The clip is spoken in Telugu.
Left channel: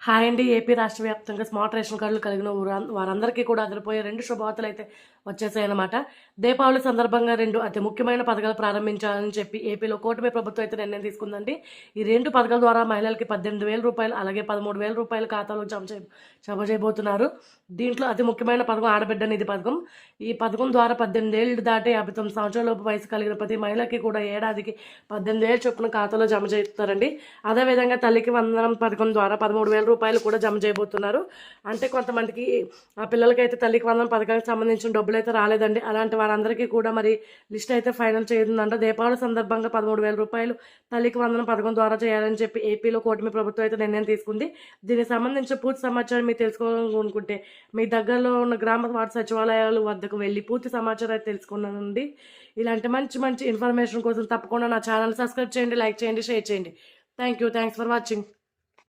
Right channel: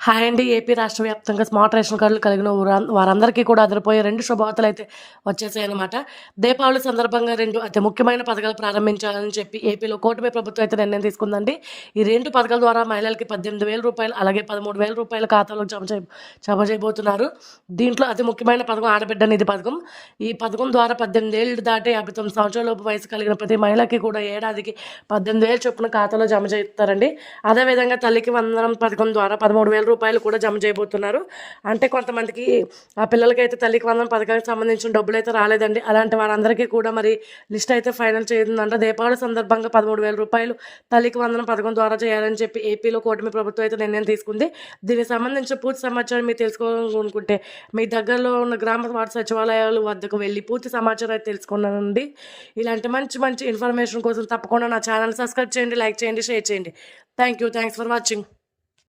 హాయ్ అండి. ఏపీ రాష్ట్ర వ్యాప్తంగా స్మార్ట్ రేషన్ కార్డులు కలిగిన వారందరికీ కూడా అదిరిపోయే 2 శుభవార్తలైతే వచ్చేసాయన్నమాట. దీపావళి సందర్భంగా 2 అతి ముఖ్యమైన పథకాలు ప్రారంభించాలని చెప్పి ఏపీలో కూటమి ప్రభుత్వం అయితే నిర్ణయం తీసుకుందండి. ఈ 2 పథకాల ద్వారా మహిళలకి రూ. 18,000 అలాగే రూ. 13,000 ఖాతాలో జమ చేయబోతున్నారు. దీంట్లో అతి ముఖ్యమైన పథకం ఆడబిడ్డ నిధి పథకం. ఈ పథకం ద్వారా 18 ఏళ్ళు దాటి 59 సంవత్సరాలలోపు వయసు కలిగిన ప్రతి మహిళకి కూడా ఏడాదికి 18,000 చొప్పున ఖాతాలో జమ చేస్తారండి. అదేవిధంగా తల్లికి వందనం పథకం ద్వారా రూ. 13,000 కూడా జమ చేయబోతున్నారు. అంటే కొంతమందికి ఆ పిల్లలకైతే తల్లికి వందనం పథకానికి సంబంధించిన డబ్బులైతే రాలేదండి. అలాంటి వారందరికీ కూడా మరి లిస్ట్ అయితే ఫైనల్ చేసిందంట. దీపావళి సందర్భంగా రూ. 13,000 తల్లికి వందనం పథకం ద్వారా చేయాలని చెప్పి ఏపీలో కూటమి ప్రభుత్వం అయితే నిర్ణయం తీసుకుంది. దీనికి సంబంధించిన పూర్తి సమాచారం మీరు తెలుసుకోవాలనుకుంటే మీ దగ్గరలో ఉన్న గ్రామ వార్డు సచివాలయాల వద్దకు వెళ్ళి పూర్తి సమాచారం అయితే తెలుసుకున్నానండి. ఇలాంటి మంచి మంచి ఇన్ఫర్మేషన్ కోసం తప్పకుండా నా ఛానల్ సబ్స్క్రైబ్ చేయండి, లైక్ చేయండి, షేర్ చేయండి. Thanks for watching.